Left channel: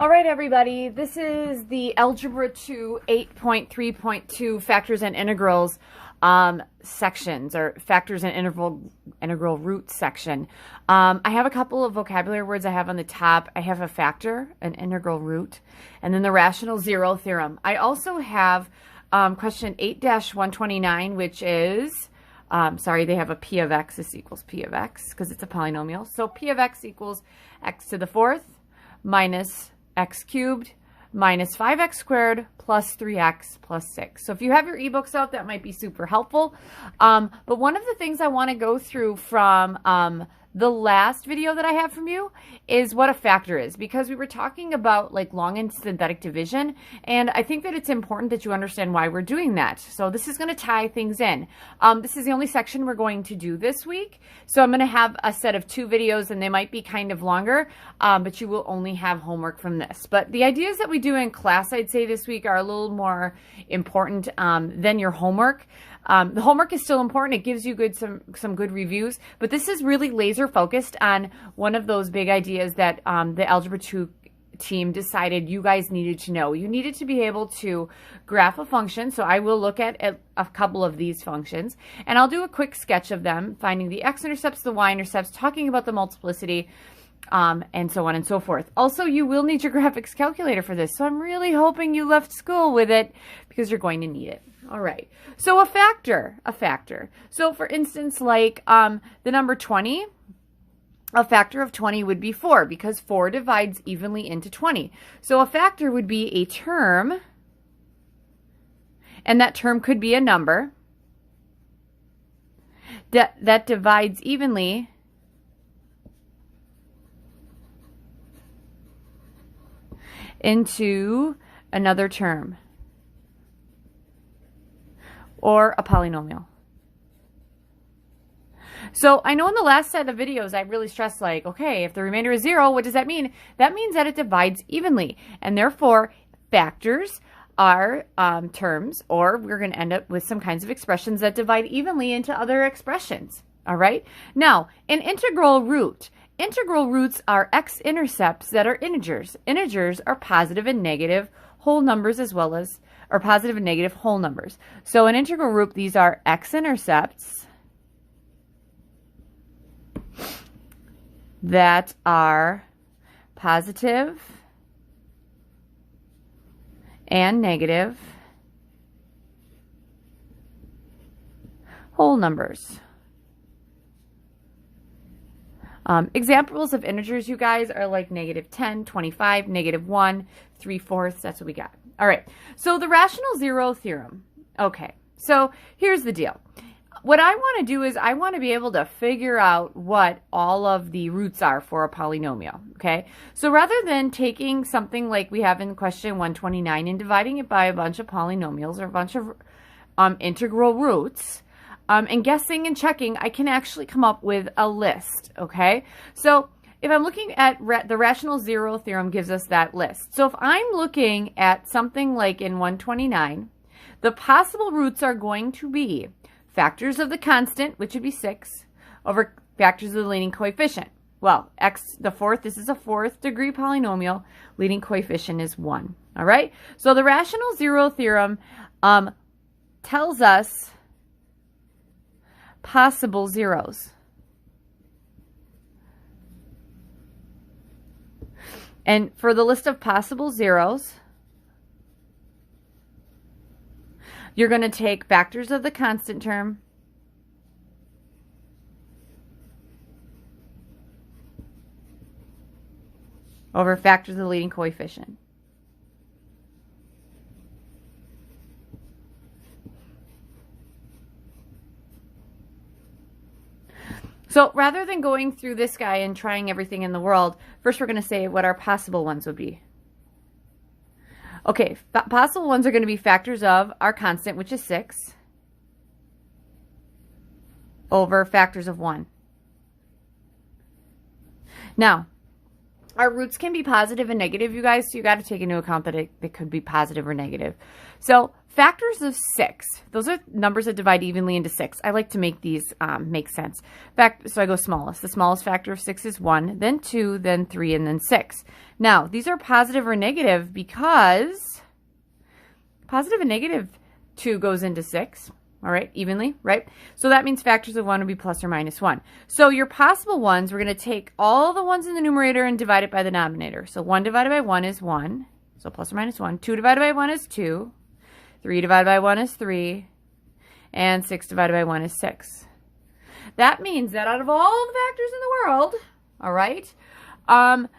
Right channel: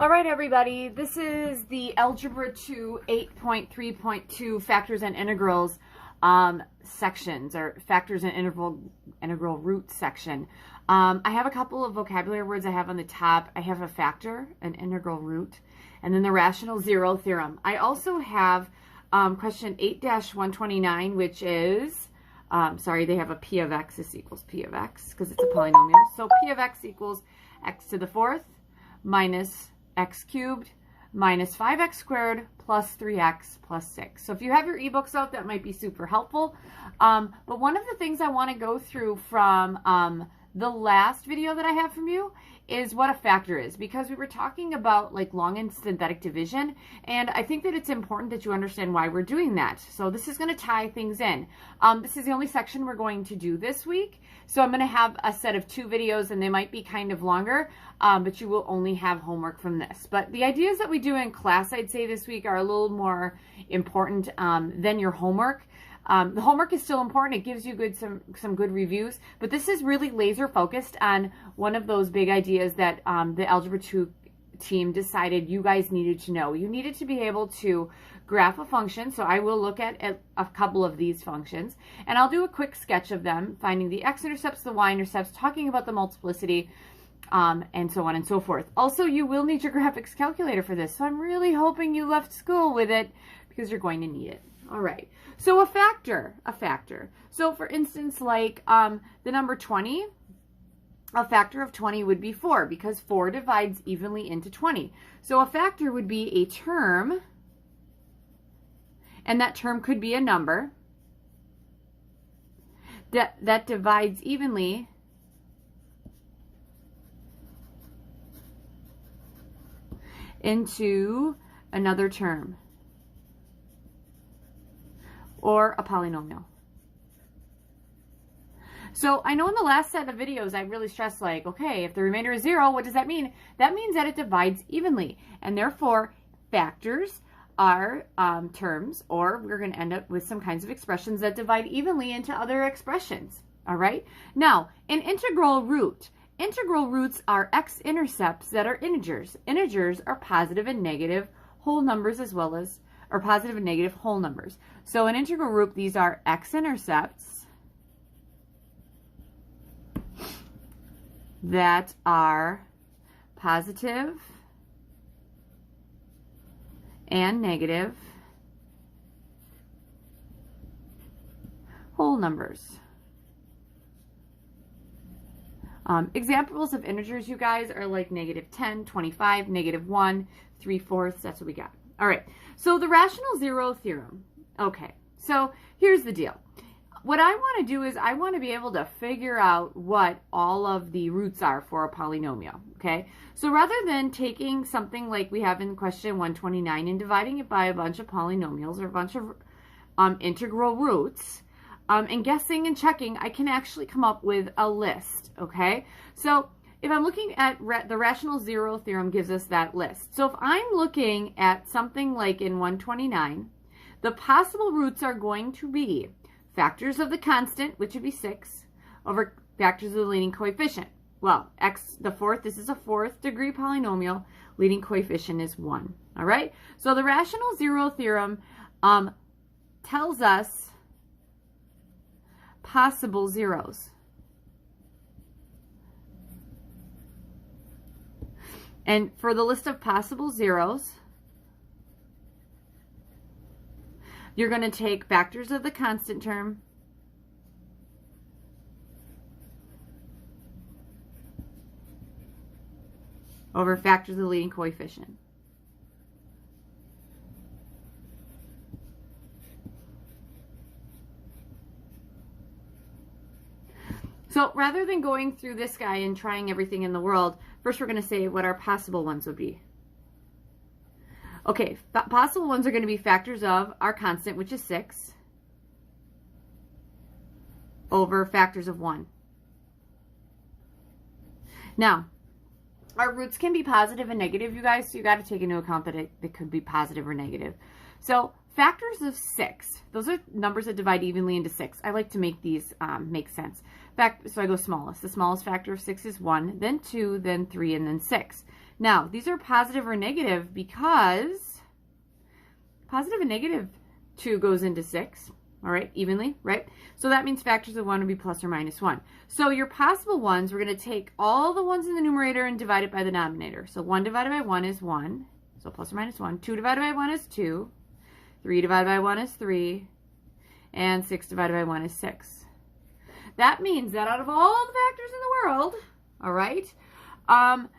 All right, everybody, this is the Algebra 2 8.3.2 Factors and Integrals sections, or Factors and Integral Roots section. I have a couple of vocabulary words I have on the top. I have a factor, an integral root, and then the rational zero theorem. I also have question 8-129, which is, sorry, they have a p of x is equals p of x because it's a polynomial. So p of x equals x to the fourth minus x cubed minus 5x squared plus 3x plus 6. So if you have your ebooks out, that might be super helpful. But one of the things I want to go through from the last video that I have from you is what a factor is, because we were talking about like long and synthetic division, and I think that it's important that you understand why we're doing that. So this is going to tie things in. This is the only section we're going to do this week, so I'm going to have a set of 2 videos, and they might be kind of longer, but you will only have homework from this. But the ideas that we do in class, I'd say this week, are a little more important than your homework. The homework is still important. It gives you some good reviews, but this is really laser focused on one of those big ideas that the Algebra 2 team decided you guys needed to know. You needed to be able to graph a function, so I will look at a couple of these functions, and I'll do a quick sketch of them, finding the x-intercepts, the y-intercepts, talking about the multiplicity, and so on and so forth. Also, you will need your graphics calculator for this, so I'm really hoping you left school with it because you're going to need it. All right, so a factor. So for instance, like the number 20, a factor of 20 would be 4 because 4 divides evenly into 20. So a factor would be a term, and that term could be a number that divides evenly into another term, or a polynomial. So I know in the last set of videos I really stressed, like, okay, if the remainder is 0, what does that mean? That means that it divides evenly, and therefore factors are terms, or we're going to end up with some kinds of expressions that divide evenly into other expressions. All right? Now, an integral root. Integral roots are x-intercepts that are integers. Integers are positive and negative whole numbers, as well as or positive and negative whole numbers. So an integral root, these are x-intercepts that are positive and negative whole numbers. Examples of integers, you guys, are like -10, 25, -1, 3/4. That's what we got. All right, so the rational zero theorem. Okay, so here's the deal. What I want to do is I want to be able to figure out what all of the roots are for a polynomial, okay? So rather than taking something like we have in question 129 and dividing it by a bunch of polynomials or a bunch of integral roots, and guessing and checking, I can actually come up with a list, okay? So if I'm looking at the rational zero theorem gives us that list. So if I'm looking at something like in 129, the possible roots are going to be factors of the constant, which would be 6, over factors of the leading coefficient. Well, x the fourth, this is a 4th degree polynomial, leading coefficient is 1. All right? So the rational zero theorem tells us possible zeros. And for the list of possible zeros, you're going to take factors of the constant term over factors of the leading coefficient. So rather than going through this guy and trying everything in the world, first we're going to say what our possible ones would be. Okay, possible ones are going to be factors of our constant, which is 6, over factors of 1. Now, our roots can be positive and negative, you guys, so you got to take into account that it could be positive or negative. So factors of 6, those are numbers that divide evenly into 6. I like to make these make sense. So I go smallest. The smallest factor of 6 is 1, then 2, then 3, and then 6. Now, these are positive or negative because positive and negative 2 goes into 6. All right, evenly, right? So that means factors of 1 would be plus or minus 1. So your possible ones, we're going to take all the ones in the numerator and divide it by the denominator. So 1 divided by 1 is 1, so plus or minus 1. 2 divided by 1 is 2. 3 divided by 1 is 3. And 6 divided by 1 is 6. That means that out of all the factors in the world, all right,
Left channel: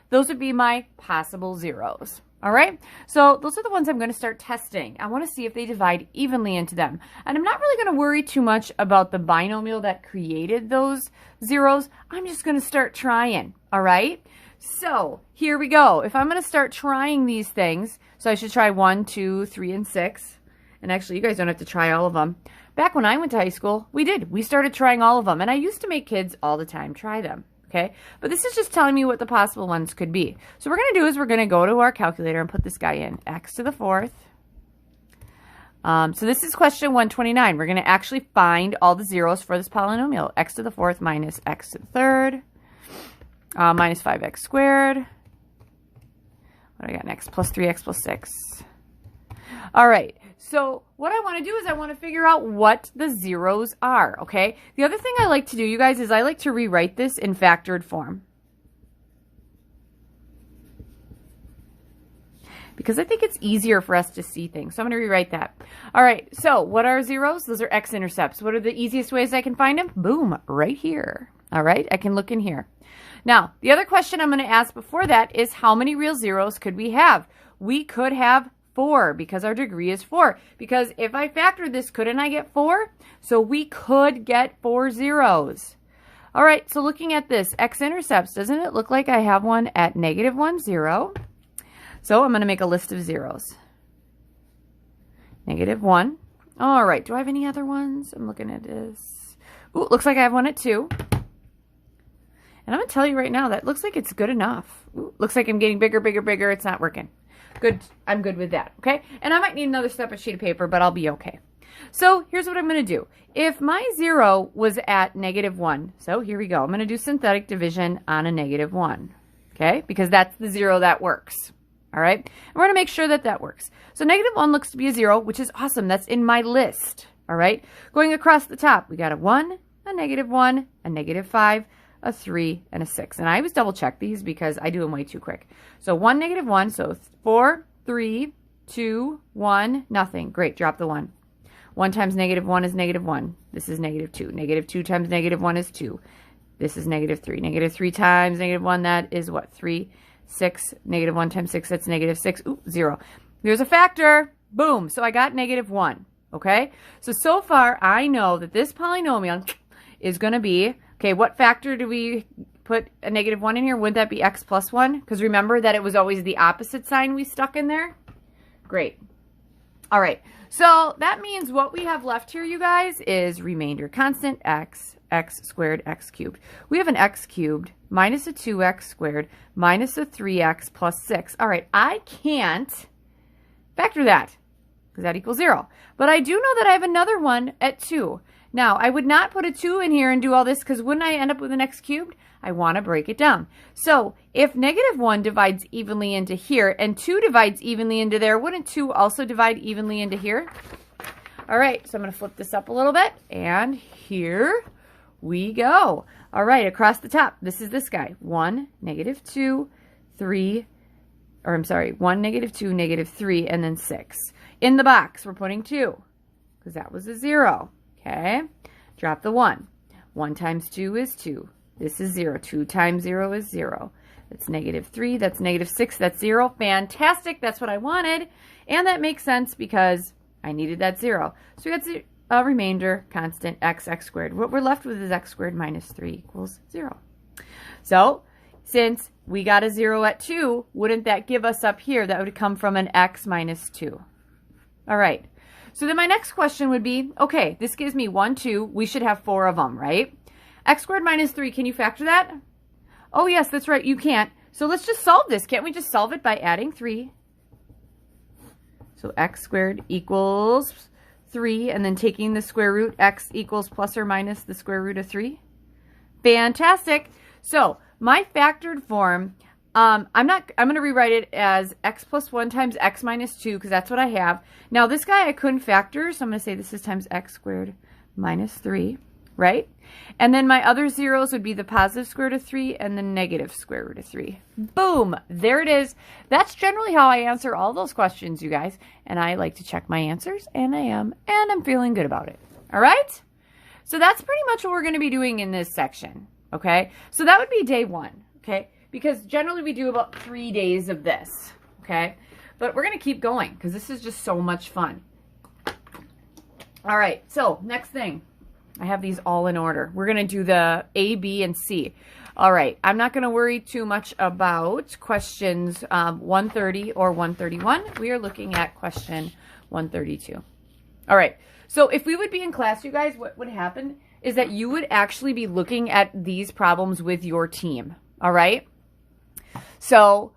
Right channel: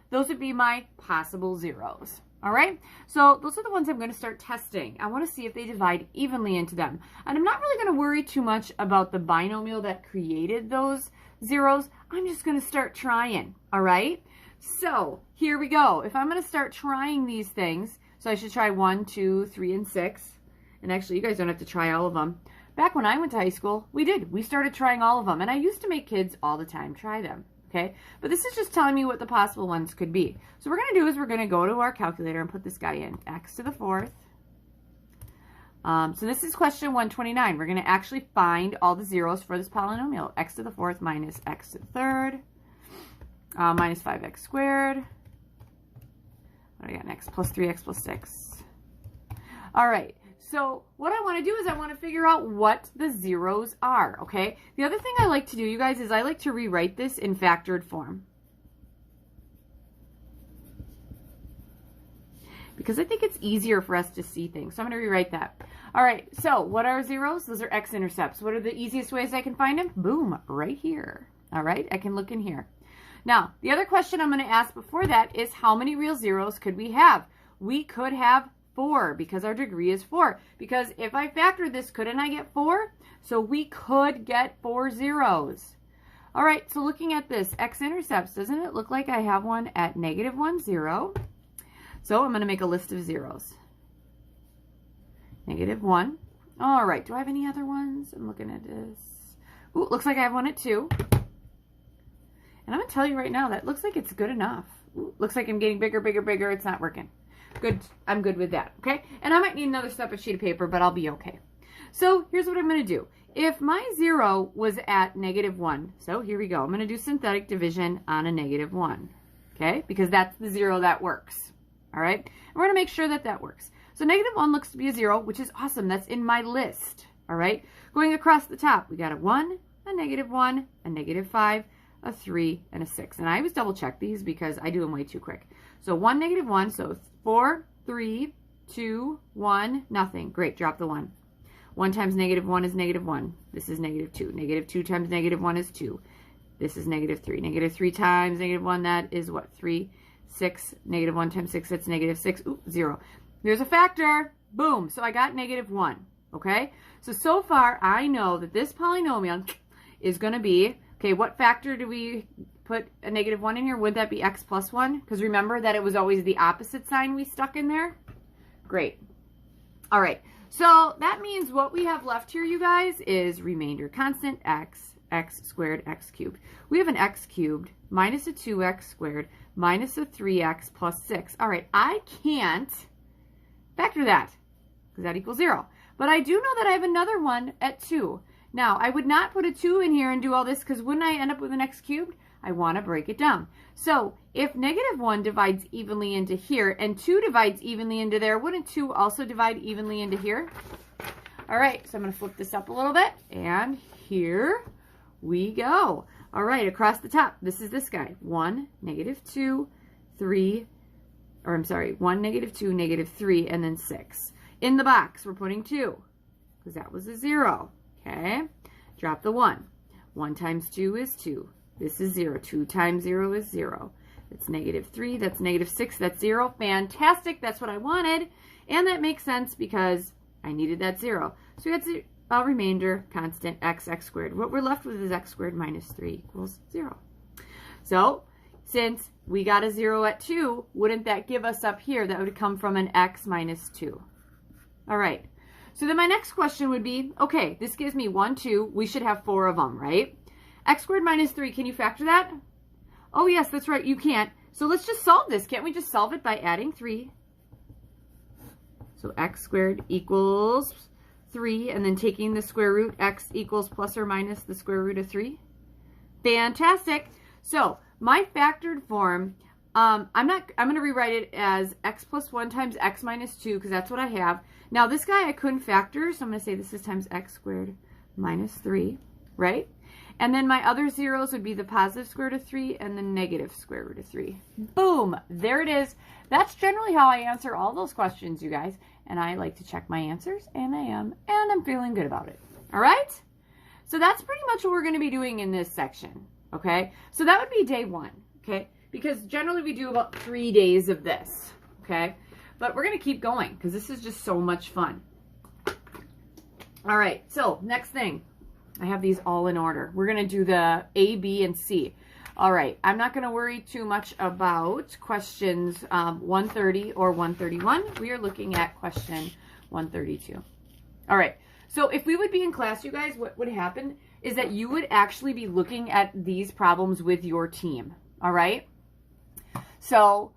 those would be my possible zeros. All right, so those are the ones I'm going to start testing. I want to see if they divide evenly into them. And I'm not really going to worry too much about the binomial that created those zeros. I'm just going to start trying, all right? So here we go. If I'm going to start trying these things, so I should try 1, 2, 3, and 6. And actually, you guys don't have to try all of them. Back when I went to high school, we did. We started trying all of them. And I used to make kids all the time try them. Okay, but this is just telling me what the possible ones could be. So what we're going to do is we're going to go to our calculator and put this guy in. X to the 4th. So this is question 129. We're going to actually find all the zeros for this polynomial. X to the 4th minus x to the 3rd. Minus 5x squared. What do I got next? Plus 3x plus 6. All right. So what I want to do is I want to figure out what the zeros are, okay? The other thing I like to do, you guys, is I like to rewrite this in factored form. Because I think it's easier for us to see things. So I'm going to rewrite that. All right, so what are zeros? Those are x-intercepts. What are the easiest ways I can find them? Boom, right here. All right, I can look in here. Now, the other question I'm going to ask before that is how many real zeros could we have? We could have 4 because our degree is 4. Because if I factor this, couldn't I get 4? So we could get 4 zeros. All right, so looking at this, x-intercepts, doesn't it look like I have one at -1, 0? So I'm going to make a list of zeros. -1. All right, do I have any other ones? I'm looking at this. Ooh, looks like I have one at 2. And I'm going to tell you right now, that looks like it's good enough. Ooh, looks like I'm getting bigger, bigger, bigger. It's not working. Good. I'm good with that, okay? And I might need another separate sheet of paper, but I'll be okay. So here's what I'm going to do. If my 0 was at -1, so here we go. I'm going to do synthetic division on a -1, okay? Because that's the 0 that works, all right? And we're going to make sure that that works. So -1 looks to be a 0, which is awesome. That's in my list, all right? Going across the top, we got a 1, a -1, a -5, a 3, and a 6. And I always double check these because I do them way too quick. So 1, -1, so 4, 3, 2, 1, nothing. Great, drop the 1. 1 times -1 is -1. This is -2. -2 times -1 is 2. This is -3. -3 times -1, that is what? 3, 6. -1 times 6, that's -6. Ooh, 0. There's a factor. Boom. So I got -1. Okay? So far, I know that this polynomial is going to be, okay, what factor do we put a -1 in here? Wouldn't that be x plus 1? Because remember that it was always the opposite sign we stuck in there? Great. All right. So that means what we have left here, you guys, is remainder constant x squared, x cubed. We have an x cubed minus a 2x squared minus a 3x plus 6. All right. I can't factor that because that equals 0. But I do know that I have another one at 2. Now, I would not put a 2 in here and do all this because wouldn't I end up with an x cubed? I want to break it down. So if -1 divides evenly into here and 2 divides evenly into there, wouldn't 2 also divide evenly into here? All right, so I'm going to flip this up a little bit, and here we go. All right, across the top, this is this guy. 1, -2, 3, or I'm sorry, 1, -2, -3, and then 6. In the box, we're putting 2 because that was a 0. Okay, drop the 1. 1 times 2 is 2. This is 0. 2 times 0 is 0. That's -3. That's -6. That's 0. Fantastic. That's what I wanted. And that makes sense because I needed that 0. So we got a remainder constant x squared. What we're left with is x squared minus 3 equals 0. So since we got a 0 at 2, wouldn't that give us up here? That would come from an x minus 2. All right. So then my next question would be, okay, this gives me 1, 2. We should have 4 of them, right? X squared minus 3, can you factor that? Oh, yes, that's right, you can't. So let's just solve this. Can't we just solve it by adding 3? So x squared equals 3, and then taking the square root, x equals plus or minus the square root of 3. Fantastic. So my factored form, I'm going to rewrite it as x plus 1 times x minus 2, because that's what I have. Now this guy I couldn't factor, so I'm going to say this is times x squared minus 3, right? And then my other zeros would be the positive square root of 3 and the negative square root of 3. Boom! There it is. That's generally how I answer all those questions, you guys. And I like to check my answers, and I am, and I'm feeling good about it. All right? So that's pretty much what we're going to be doing in this section, okay? So that would be day 1, okay? Because generally we do about 3 days of this, okay? But we're going to keep going because this is just so much fun. All right, so next thing. I have these all in order. We're going to do the A, B, and C. All right, I'm not going to worry too much about questions 130 or 131. We are looking at question 132. All right, so if we would be in class, you guys, what would happen is that you would actually be looking at these problems with your team. All right, so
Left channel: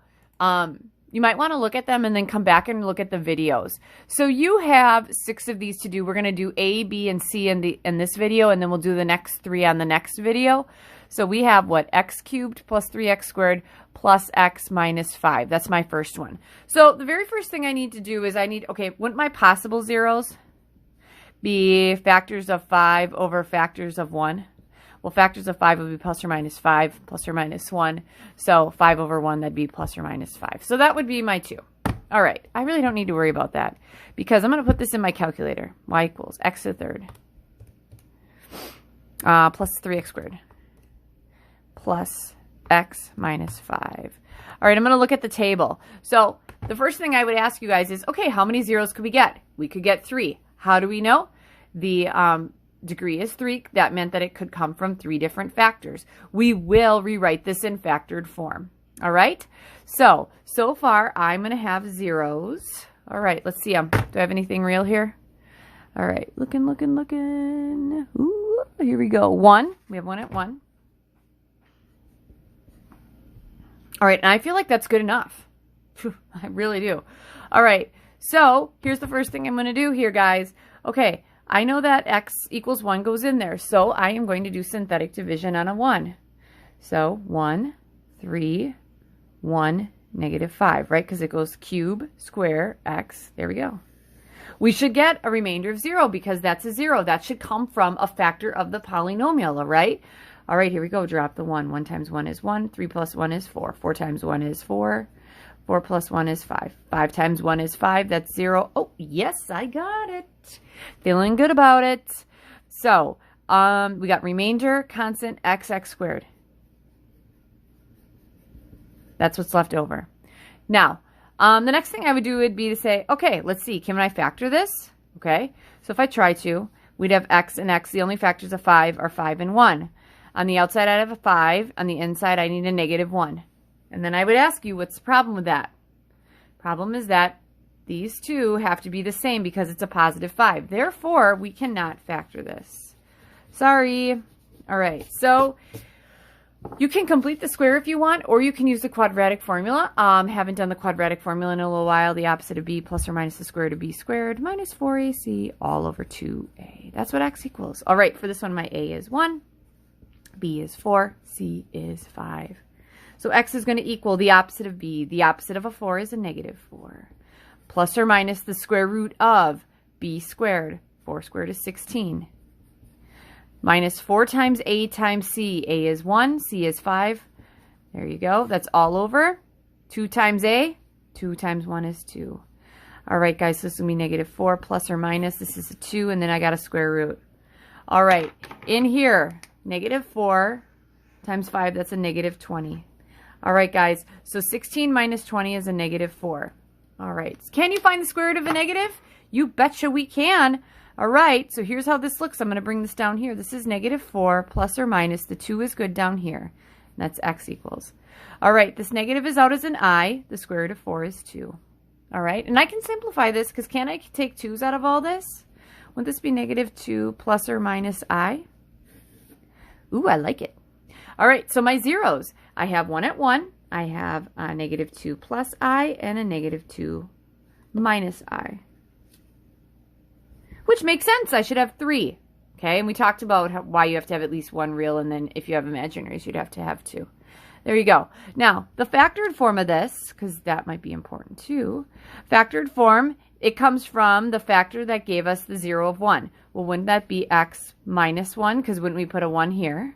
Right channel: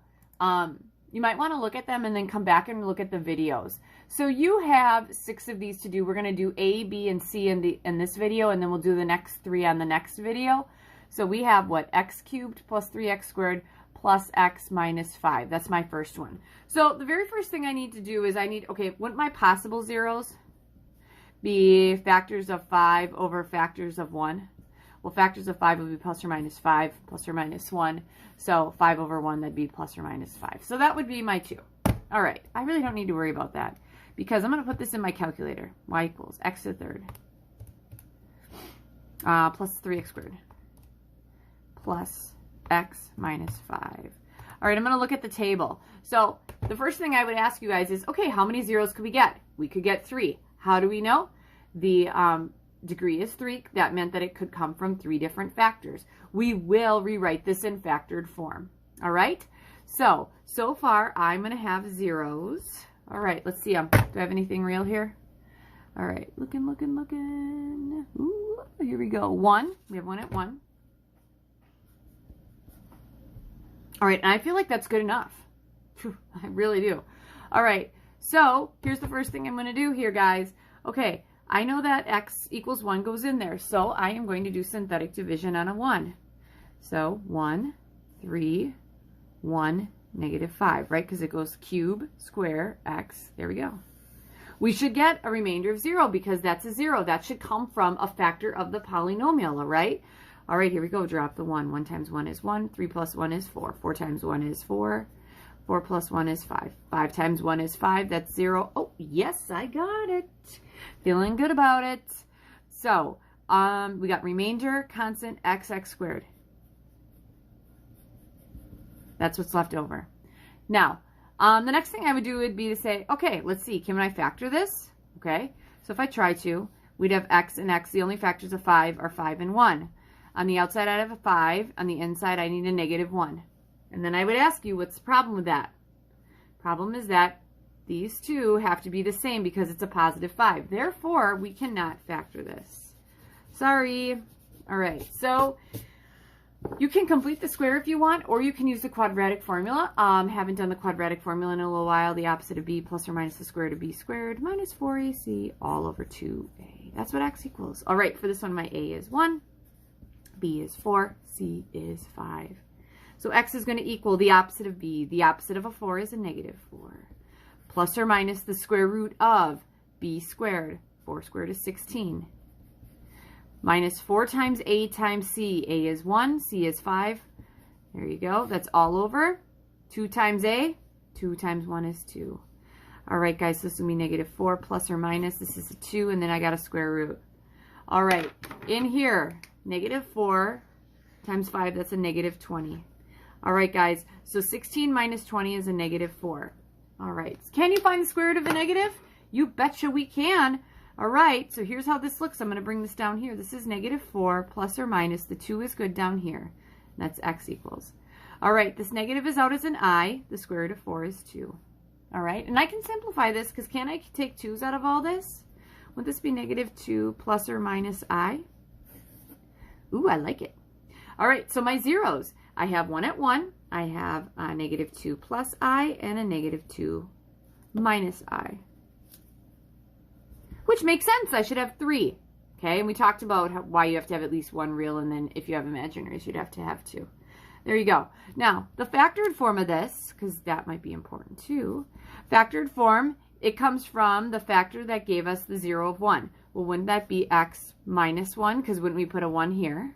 you might want to look at them and then come back and look at the videos. So you have 6 of these to do. We're going to do A, B, and C in this video, and then we'll do the next 3 on the next video. So we have what? X cubed plus 3x squared plus x minus 5. That's my first one. So the very first thing I need to do is okay, wouldn't my possible zeros be factors of 5 over factors of 1? Well, factors of 5 would be plus or minus 5, plus or minus 1. So 5 over 1, that'd be plus or minus 5. So that would be my 2. All right, I really don't need to worry about that because I'm going to put this in my calculator. Y equals x to the third plus 3x squared plus x minus 5. All right, I'm going to look at the table. So the first thing I would ask you guys is, okay, how many zeros could we get? We could get 3. How do we know? The degree is 3. That meant that it could come from 3 different factors. We will rewrite this in factored form. All right? So far, I'm going to have zeros. All right, let's see. Do I have anything real here? All right, looking. Ooh, here we go. 1. We have 1 at 1. All right, and I feel like that's good enough. I really do. All right, so here's the first thing I'm going to do here, guys. Okay, I know that x equals 1 goes in there, so I am going to do synthetic division on a 1. So 1, 3, 1, negative 5, right? Because it goes cube, square, x. There we go. We should get a remainder of 0 because that's a 0. That should come from a factor of the polynomial, all right? All right, here we go. Drop the 1. 1 times 1 is 1. 3 plus 1 is 4. 4 times 1 is 4. 4 plus 1 is 5. 5 times 1 is 5. That's 0. Oh, yes, I got it. Feeling good about it. So, we got remainder, constant, x squared. That's what's left over. Now, the next thing I would do would be to say, okay, let's see. Can I factor this? Okay. So if I try to, we'd have x and x. The only factors of 5 are 5 and 1. On the outside, I'd have a 5. On the inside, I need a negative 1. And then I would ask you, what's the problem with that? Problem is that these two have to be the same because it's a positive 5. Therefore, we cannot factor this. Sorry. All right. So you can complete the square if you want, or you can use the quadratic formula. Haven't done the quadratic formula in a little while. The opposite of b plus or minus the square root of b squared minus 4ac all over 2a. That's what x equals. All right. For this one, my a is 1. B is 4, C is 5. So x is going to equal the opposite of b. The opposite of a 4 is a negative 4. Plus or minus the square root of b squared. 4 squared is 16. Minus 4 times a times c. A is 1, c is 5. There you go. That's all over. 2 times a. 2 times 1 is 2. All right, guys, so this will be negative 4 plus or minus. This is a 2, and then I got a square root. All right, in here, negative 4 times 5, that's a negative 20. All right, guys, so 16 minus 20 is a negative 4. All right, can you find the square root of a negative? You betcha we can. All right, so here's how this looks. I'm going to bring this down here. This is negative 4 plus or minus. The 2 is good down here. That's x equals. All right, this negative is out as an I. The square root of 4 is 2. All right, and I can simplify this because can I take 2's out of all this? Would this be negative 2 plus or minus I? Ooh, I like it. All right, so my zeros. I have 1 at 1. I have a negative 2 plus I and a negative 2 minus I. Which makes sense. I should have 3. Okay, and we talked about why you have to have at least one real, and then if you have imaginaries, you'd have to have 2. There you go. Now, the factored form of this, because that might be important too, factored form, it comes from the factor that gave us the 0 of 1. Well, wouldn't that be x minus 1? Because wouldn't we put a 1 here?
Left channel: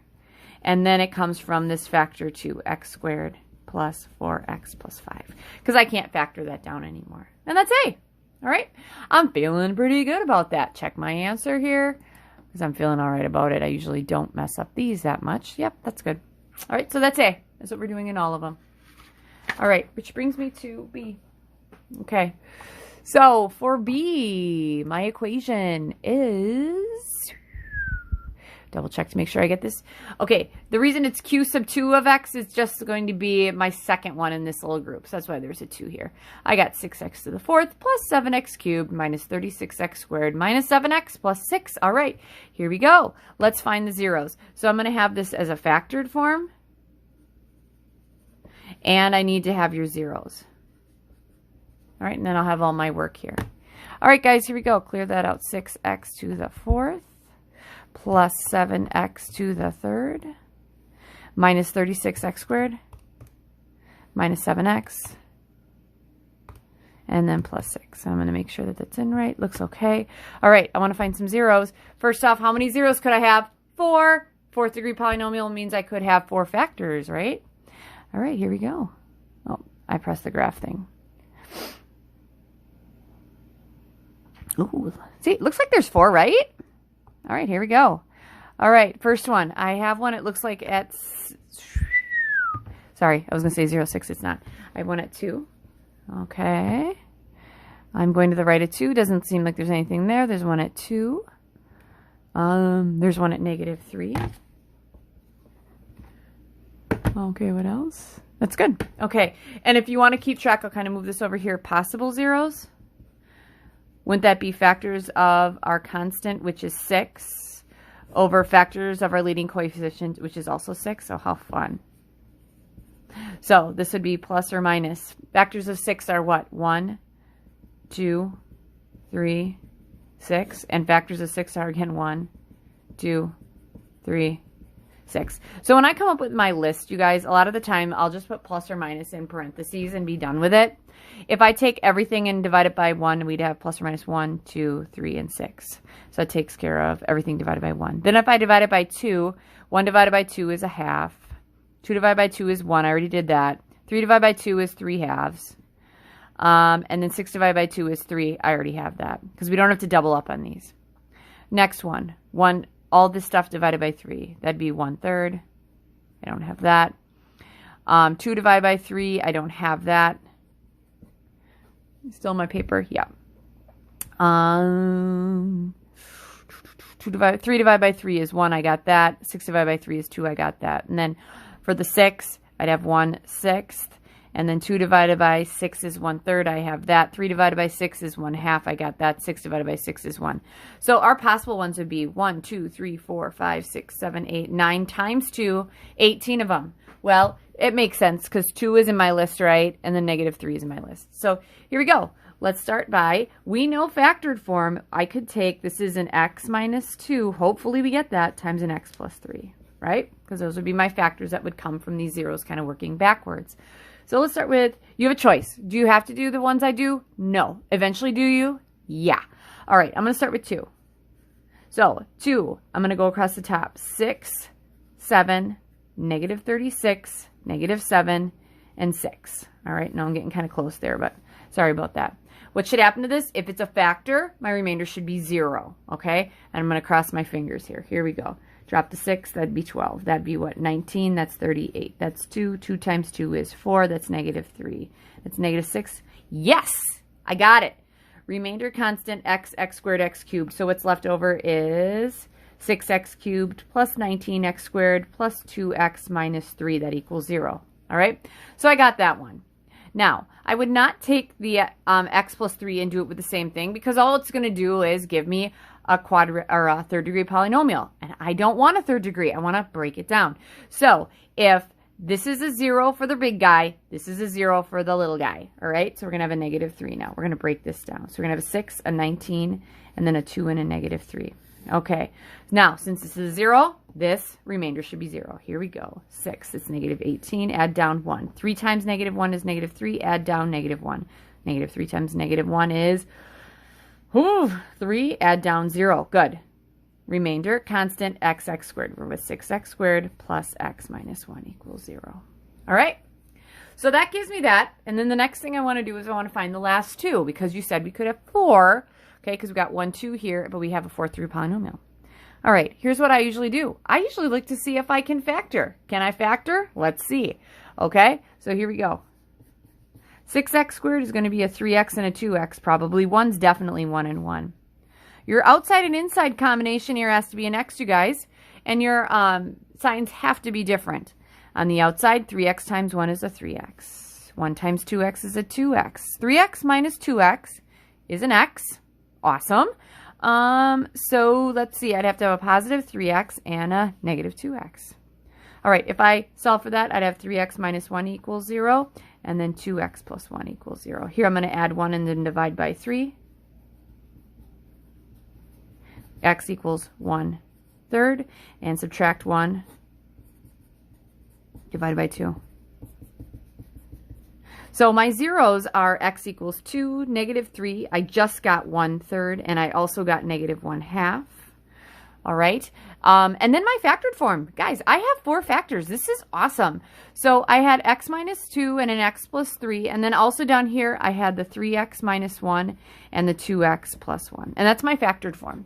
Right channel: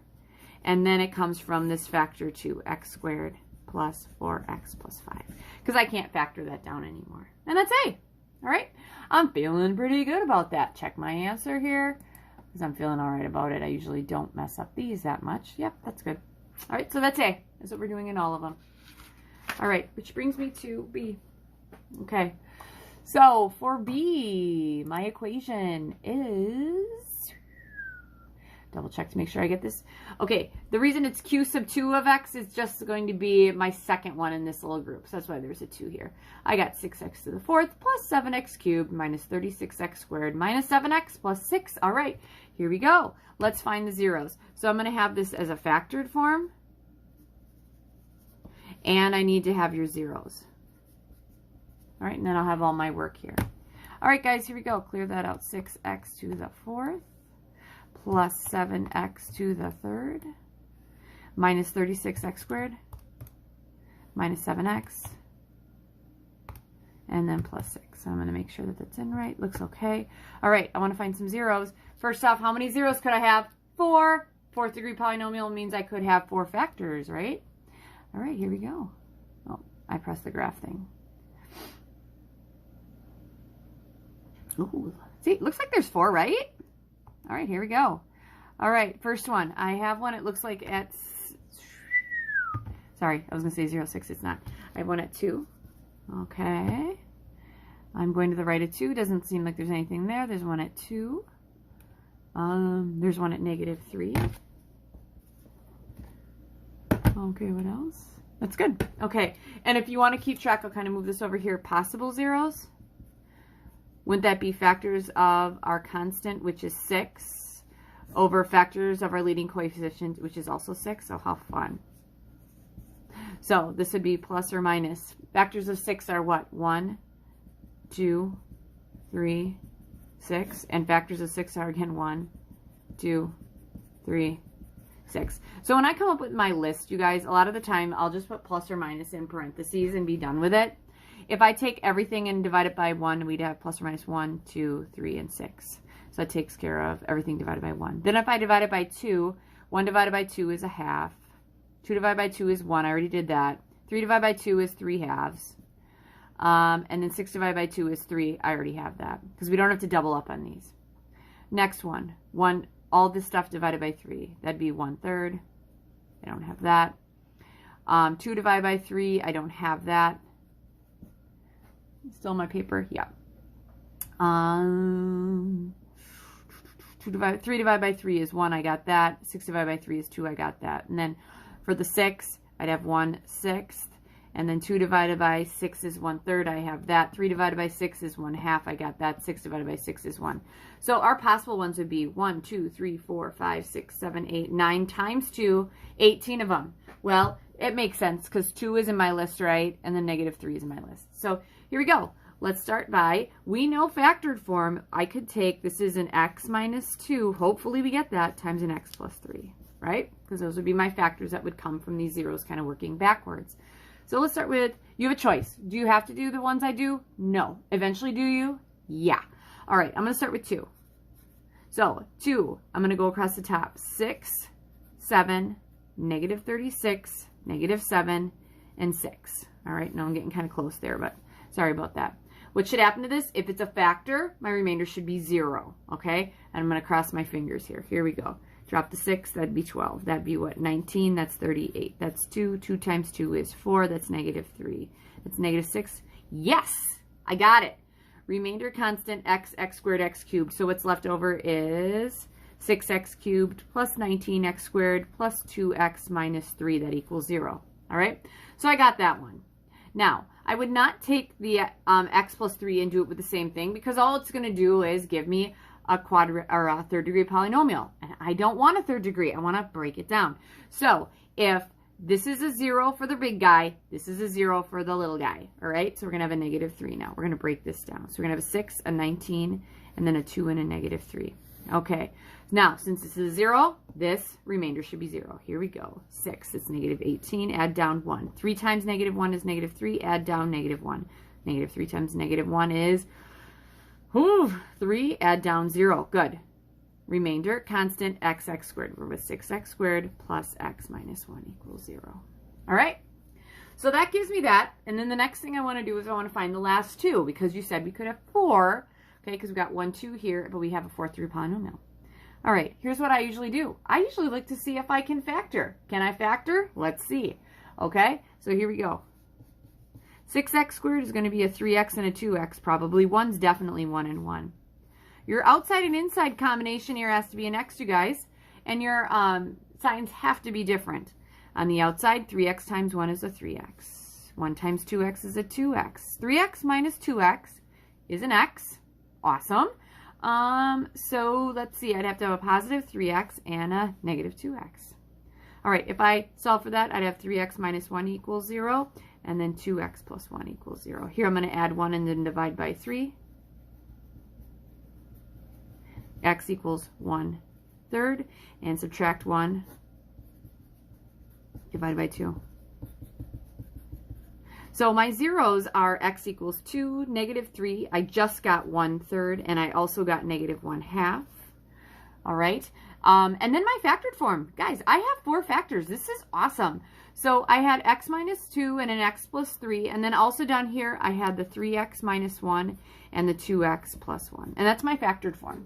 And then it comes from this factor 2, x squared plus 4x plus 5. Because I can't factor that down anymore. And that's A. All right? I'm feeling pretty good about that. Check my answer here. Because I'm feeling all right about it. I usually don't mess up these that much. Yep, that's good. All right, so that's A. That's what we're doing in all of them. All right, which brings me to B. Okay, so for B, my equation is, double check to make sure I get this. Okay, the reason it's q sub 2 of x is just going to be my second one in this little group. So that's why there's a 2 here. I got 6x to the 4th plus 7x cubed minus 36x squared minus 7x plus 6. All right, here we go. Let's find the zeros. So I'm going to have this as a factored form. And I need to have your zeros. All right, and then I'll have all my work here. All right, guys, here we go. Clear that out. 6x to the 4th plus 7x to the 3rd minus 36x squared minus 7x and then plus 6. So I'm going to make sure that that's in right. Looks okay. All right, I want to find some zeros. First off, how many zeros could I have? 4. 4th degree polynomial means I could have 4 factors, right? All right, here we go. Oh, I pressed the graph thing. Ooh, see, it looks like there's 4, right? All right, here we go. All right, first one. I have one, it looks like at, sorry, I was going to say 0, 6, it's not. I have one at 2. Okay. I'm going to the right at 2. Doesn't seem like there's anything there. There's one at 2. There's one at negative 3. Okay, what else? That's good. Okay, and if you want to keep track, I'll kind of move this over here. Possible zeros. Wouldn't that be factors of our constant, which is 6, over factors of our leading coefficient, which is also 6? So how fun. So this would be plus or minus. Factors of 6 are what? 1, 2, 3, 6. And factors of 6 are, again, 1, 2, 3, 6. So when I come up with my list, you guys, a lot of the time I'll just put plus or minus in parentheses and be done with it. If I take everything and divide it by 1, we'd have plus or minus 1, 2, 3, and 6. So it takes care of everything divided by 1. Then if I divide it by 2, 1 divided by 2 is a half. 2 divided by 2 is 1. I already did that. 3 divided by 2 is 3 halves. And then 6 divided by 2 is 3. I already have that because we don't have to double up on these. Next one. All this stuff divided by 3. That'd be 1/3. I don't have that. 2 divided by 3. I don't have that. Still my paper? Yeah. 3 divided by 3 is 1. I got that. 6 divided by 3 is 2. I got that. And then for the 6, I'd have 1/6. And then 2 divided by 6 is 1/3. I have that. 3 divided by 6 is 1/2. I got that. 6 divided by 6 is 1. So our possible ones would be 1, 2, 3, 4, 5, 6, 7, 8, 9 times 2, 18 of them. Well, it makes sense because 2 is in my list, right? And then negative 3 is in my list. So here we go. Let's start by, we know factored form. I could take, this is an x minus 2. Hopefully we get that times an x plus 3, right? Because those would be my factors that would come from these zeros kind of working backwards. So let's start with, you have a choice. Do you have to do the ones I do? No. Eventually, do you? Yeah. All right, I'm going to start with 2. So 2, I'm going to go across the top. 6, 7, negative 36, negative 7, and 6. All right, now I'm getting kind of close there, but sorry about that. What should happen to this? If it's a factor, my remainder should be 0, okay? And I'm going to cross my fingers here. Here we go. Drop the 6, that'd be 12. That'd be what? 19, that's 38. That's 2. 2 times 2 is 4. That's negative 3. That's negative 6. Yes! I got it. Remainder constant, x squared, x cubed. So what's left over is 6x cubed plus 19x squared plus 2x minus 3. That equals 0. All right? So I got that one. Now, I would not take the x plus 3 and do it with the same thing because all it's going to do is give me a third degree polynomial. And I don't want a third degree. I want to break it down. So if this is a 0 for the big guy. This is a 0 for the little guy. All right, so we're going to have a negative 3 now. We're going to break this down. So we're going to have a 6, a 19, and then a 2 and a negative 3. Okay, now since this is a 0, this remainder should be 0. Here we go. 6, it's negative 18, add down 1. 3 times negative 1 is negative 3, add down negative 1. Negative 3 times negative 1 is 3, add down 0. Good. Remainder, constant, x squared. We're with 6x squared plus x minus 1 equals 0. All right? So that gives me that. And then the next thing I want to do is I want to find the last two, because you said we could have 4, okay, because we got 1, 2 here, but we have a 4th degree polynomial. All right, here's what I usually do. I usually look to see if I can factor. Can I factor? Let's see. Okay, so here we go. 6x squared is going to be a 3x and a 2x, probably. 1's definitely 1 and 1. Your outside and inside combination here has to be an x, you guys, and your signs have to be different. On the outside, 3x times 1 is a 3x. 1 times 2x is a 2x. 3x minus 2x is an x. Awesome. So let's see, I'd have to have a positive 3x and a negative 2x. All right, if I solve for that, I'd have 3x minus 1 equals 0, and then 2x plus 1 equals 0. Here I'm going to add 1 and then divide by 3. X equals 1/3, and subtract 1 divided by 2. So my zeros are x equals 2, negative 3. I just got 1/3, and I also got negative 1/2. All right. And then my factored form. Guys, I have 4 factors. This is awesome. So I had x minus 2 and an x plus 3. And then also down here, I had the 3x minus 1 and the 2x plus 1. And that's my factored form.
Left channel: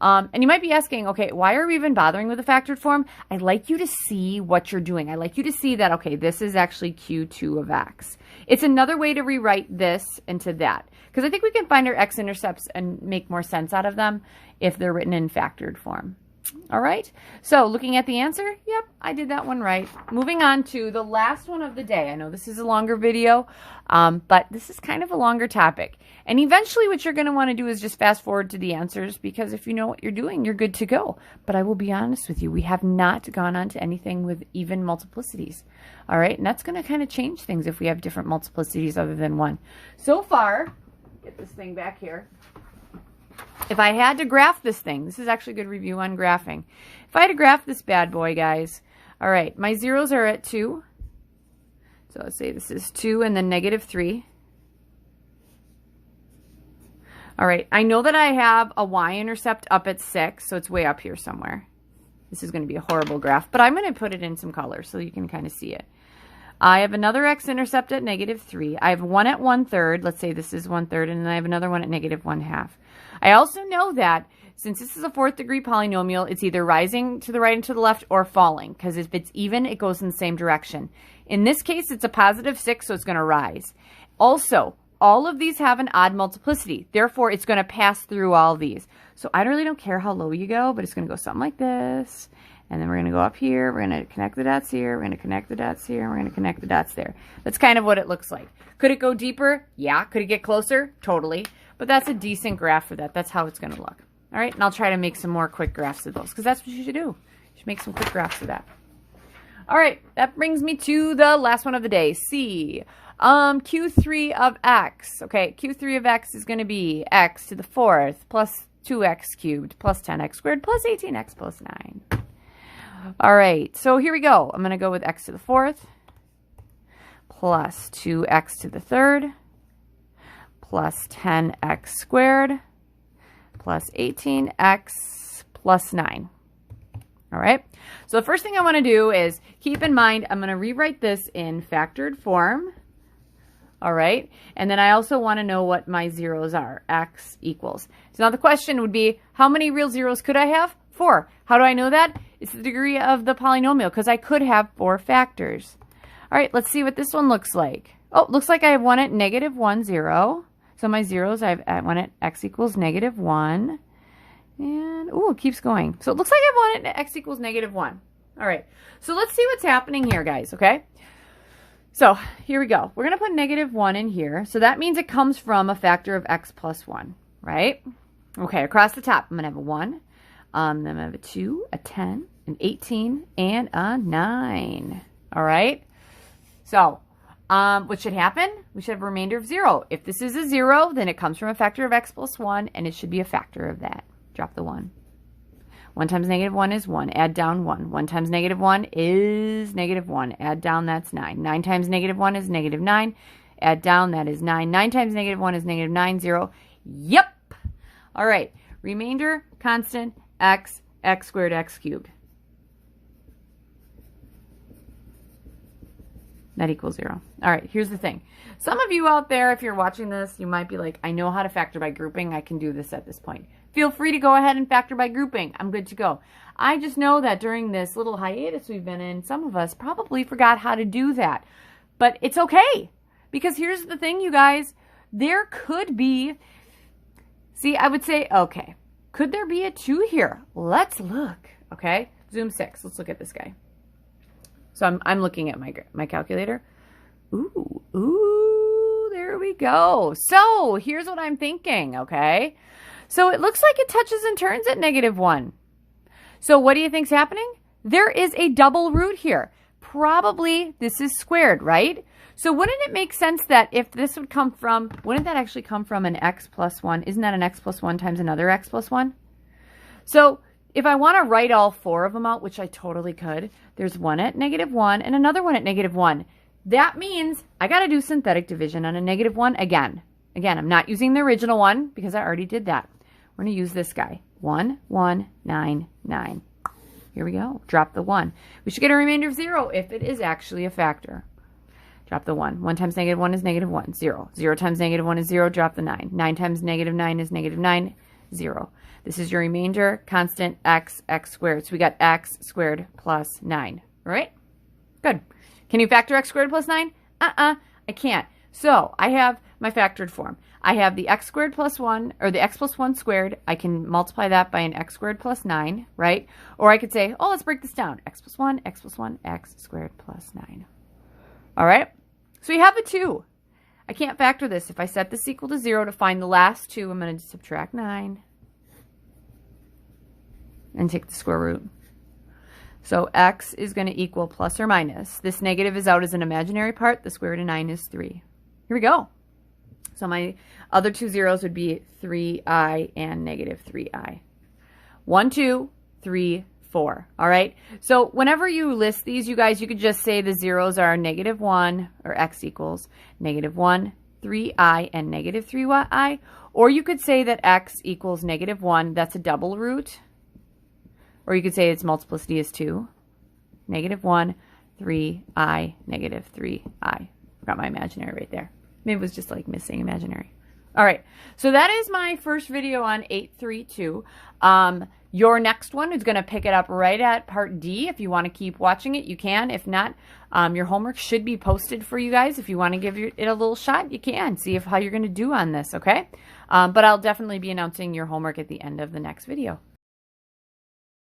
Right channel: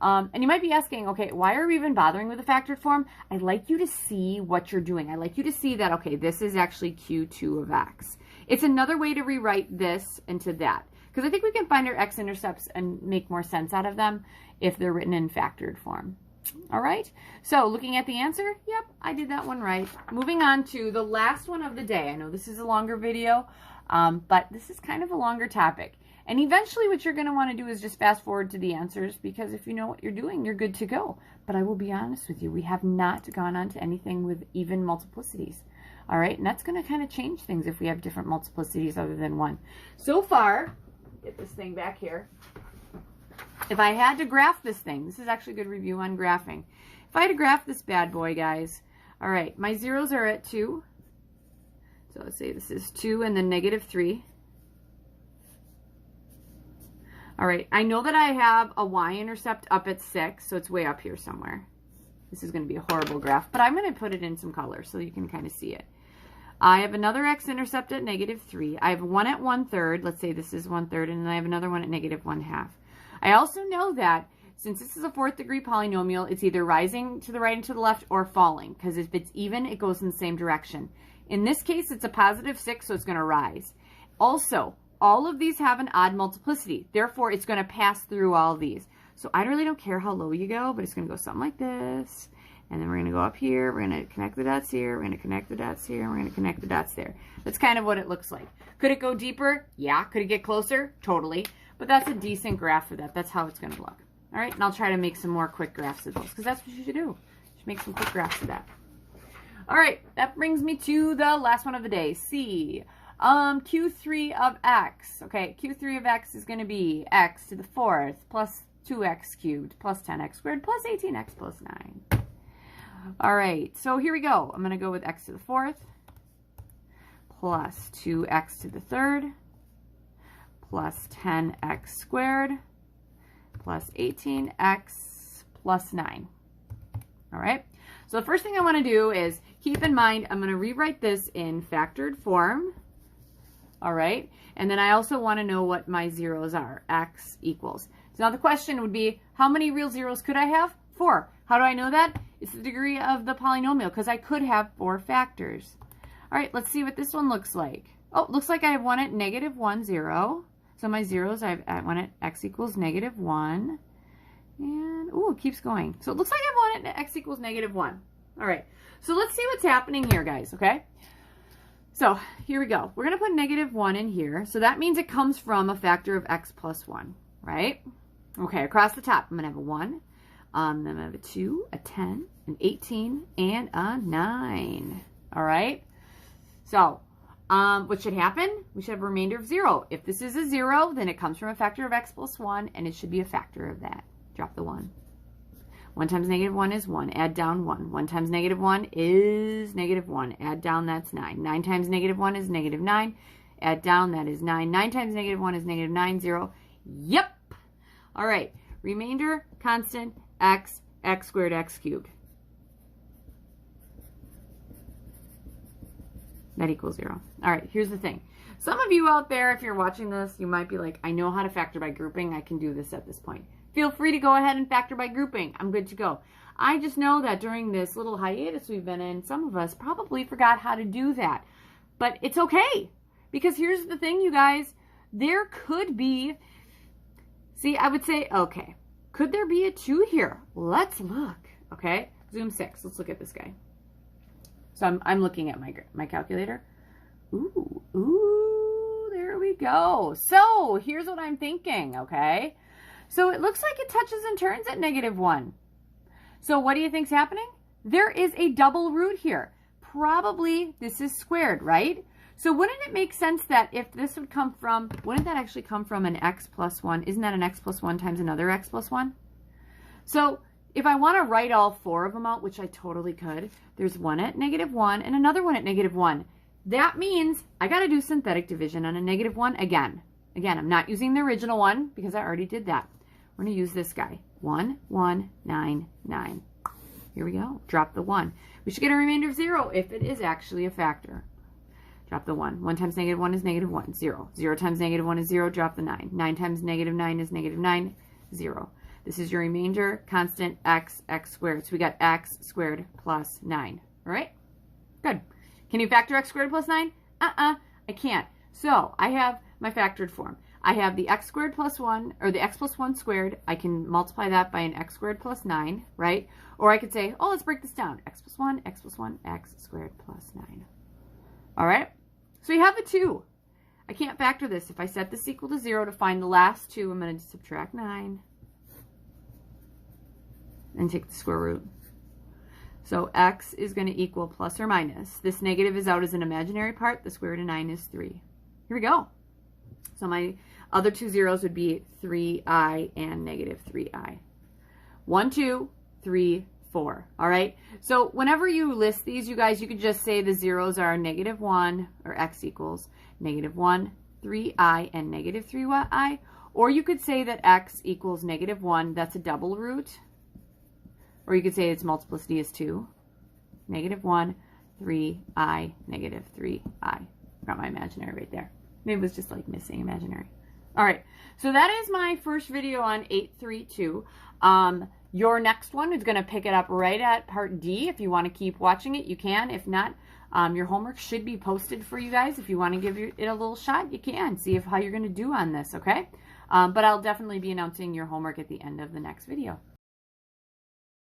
And you might be asking, okay, why are we even bothering with the factored form? I'd like you to see what you're doing. I'd like you to see that, okay, this is actually Q2 of x. It's another way to rewrite this into that, because I think we can find our x-intercepts and make more sense out of them if they're written in factored form. All right, so looking at the answer, yep, I did that one right. Moving on to the last one of the day. I know this is a longer video, but this is kind of a longer topic. And eventually what you're going to want to do is just fast forward to the answers, because if you know what you're doing, you're good to go. But I will be honest with you, we have not gone on to anything with even multiplicities. All right, and that's going to kind of change things if we have different multiplicities other than 1. So far, get this thing back here. If I had to graph this thing, this is actually a good review on graphing. If I had to graph this bad boy, guys, all right, my zeros are at 2. So let's say this is 2 and then negative 3. All right, I know that I have a y-intercept up at 6, so it's way up here somewhere. This is going to be a horrible graph, but I'm going to put it in some color so you can kind of see it. I have another x-intercept at negative 3. I have 1 at 1/3. Let's say this is 1/3, and then I have another one at negative 1/2. I also know that since this is a 4th degree polynomial, it's either rising to the right and to the left or falling, because if it's even, it goes in the same direction. In this case, it's a positive 6, so it's going to rise. Also, all of these have an odd multiplicity. Therefore, it's going to pass through all these. So I really don't care how low you go, but it's going to go something like this. And then we're going to go up here. We're going to connect the dots here. We're going to connect the dots here. We're going to connect the dots there. That's kind of what it looks like. Could it go deeper? Yeah. Could it get closer? Totally. But that's a decent graph for that. That's how it's going to look. All right. And I'll try to make some more quick graphs of those, because that's what you should do. You should make some quick graphs of that. All right. That brings me to the last one of the day. C. Q3 of x. Okay, Q3 of x is going to be x to the 4th plus 2x cubed plus 10x squared plus 18x plus 9. All right, so here we go. I'm going to go with x to the 4th plus 2x to the 3rd plus 10x squared plus 18x plus 9. All right, so the first thing I want to do is keep in mind I'm going to rewrite this in factored form. All right, and then I also want to know what my zeros are. X equals. So now the question would be, how many real zeros could I have? 4. How do I know that? It's the degree of the polynomial, because I could have 4 factors. All right, let's see what this one looks like. Oh, looks like I have one at negative 1, 0. So my zeros, I have one at x equals negative 1. And, oh, it keeps going. So it looks like I have one at x equals negative 1. All right, so let's see what's happening here, guys, okay? So here we go. We're going to put negative 1 in here. So that means it comes from a factor of x plus 1, right? Okay, across the top, I'm going to have a 1. Then I'm going to have a 2, a 10, an 18, and a 9. All right. So what should happen? We should have a remainder of 0. If this is a 0, then it comes from a factor of x plus 1, and it should be a factor of that. Drop the 1. 1 times -1 is 1. Add down 1. 1 times -1 is -1. Add down, that's 9. 9 times -1 is -9. Add down, that is 9. 9 times -1 is -9. 0. Yep. All right. Remainder, constant, x squared, x cubed. That equals 0. All right, here's the thing. Some of you out there, if you're watching this, you might be like, I know how to factor by grouping. I can do this at this point. Feel free to go ahead and factor by grouping. I'm good to go. I just know that during this little hiatus we've been in, some of us probably forgot how to do that. But it's okay. Because here's the thing, you guys. There could be, see, I would say, okay, could there be a 2 here? Let's look, okay? Zoom 6. Let's look at this guy. So I'm looking at my calculator. Ooh, there we go. So here's what I'm thinking, okay? So it looks like it touches and turns at -1. So what do you think's happening? There is a double root here. Probably this is squared, right? So wouldn't it make sense that if this would come from, wouldn't that actually come from an x plus 1? Isn't that an x plus 1 times another x plus 1? So if I want to write all 4 of them out, which I totally could, there's one at -1 and another one at -1. That means I got to do synthetic division on a -1 again. Again, I'm not using the original one because I already did that. We're going to use this guy. 1, 1, 9, 9. Here we go. Drop the 1. We should get a remainder of 0 if it is actually a factor. Drop the 1. 1 times -1 is -1. 0. 0 times -1 is 0. Drop the 9. 9 times -9 is -9. 0. This is your remainder, constant, x squared. So we got x squared plus 9. All right? Good. Can you factor x squared plus 9? I can't. So I have my factored form. I have the x squared plus 1, or the x plus 1 squared. I can multiply that by an x squared plus 9, right? Or I could say, oh, let's break this down. X plus 1, x plus 1, x squared plus 9. All right? So you have a 2. I can't factor this. If I set this equal to 0 to find the last 2, I'm going to subtract 9. And take the square root. So x is going to equal plus or minus. This negative is out as an imaginary part. The square root of 9 is 3. Here we go. So my other 2 zeros would be 3i and -3i. 1, 2, 3, 4. All right. So whenever you list these, you guys, you could just say the zeros are -1 or x equals -1, 3i, and -3i. Or you could say that x equals -1. That's a double root. Or you could say its multiplicity is 2. -1, 3i, -3i. Got my imaginary right there. Maybe it was just like missing imaginary. All right. So that is my first video on 832. Your next one is going to pick it up right at part D. If you want to keep watching it, you can. If not, your homework should be posted for you guys. If you want to give it a little shot, you can. See how you're going to do on this, okay? But I'll definitely be announcing your homework at the end of the next video.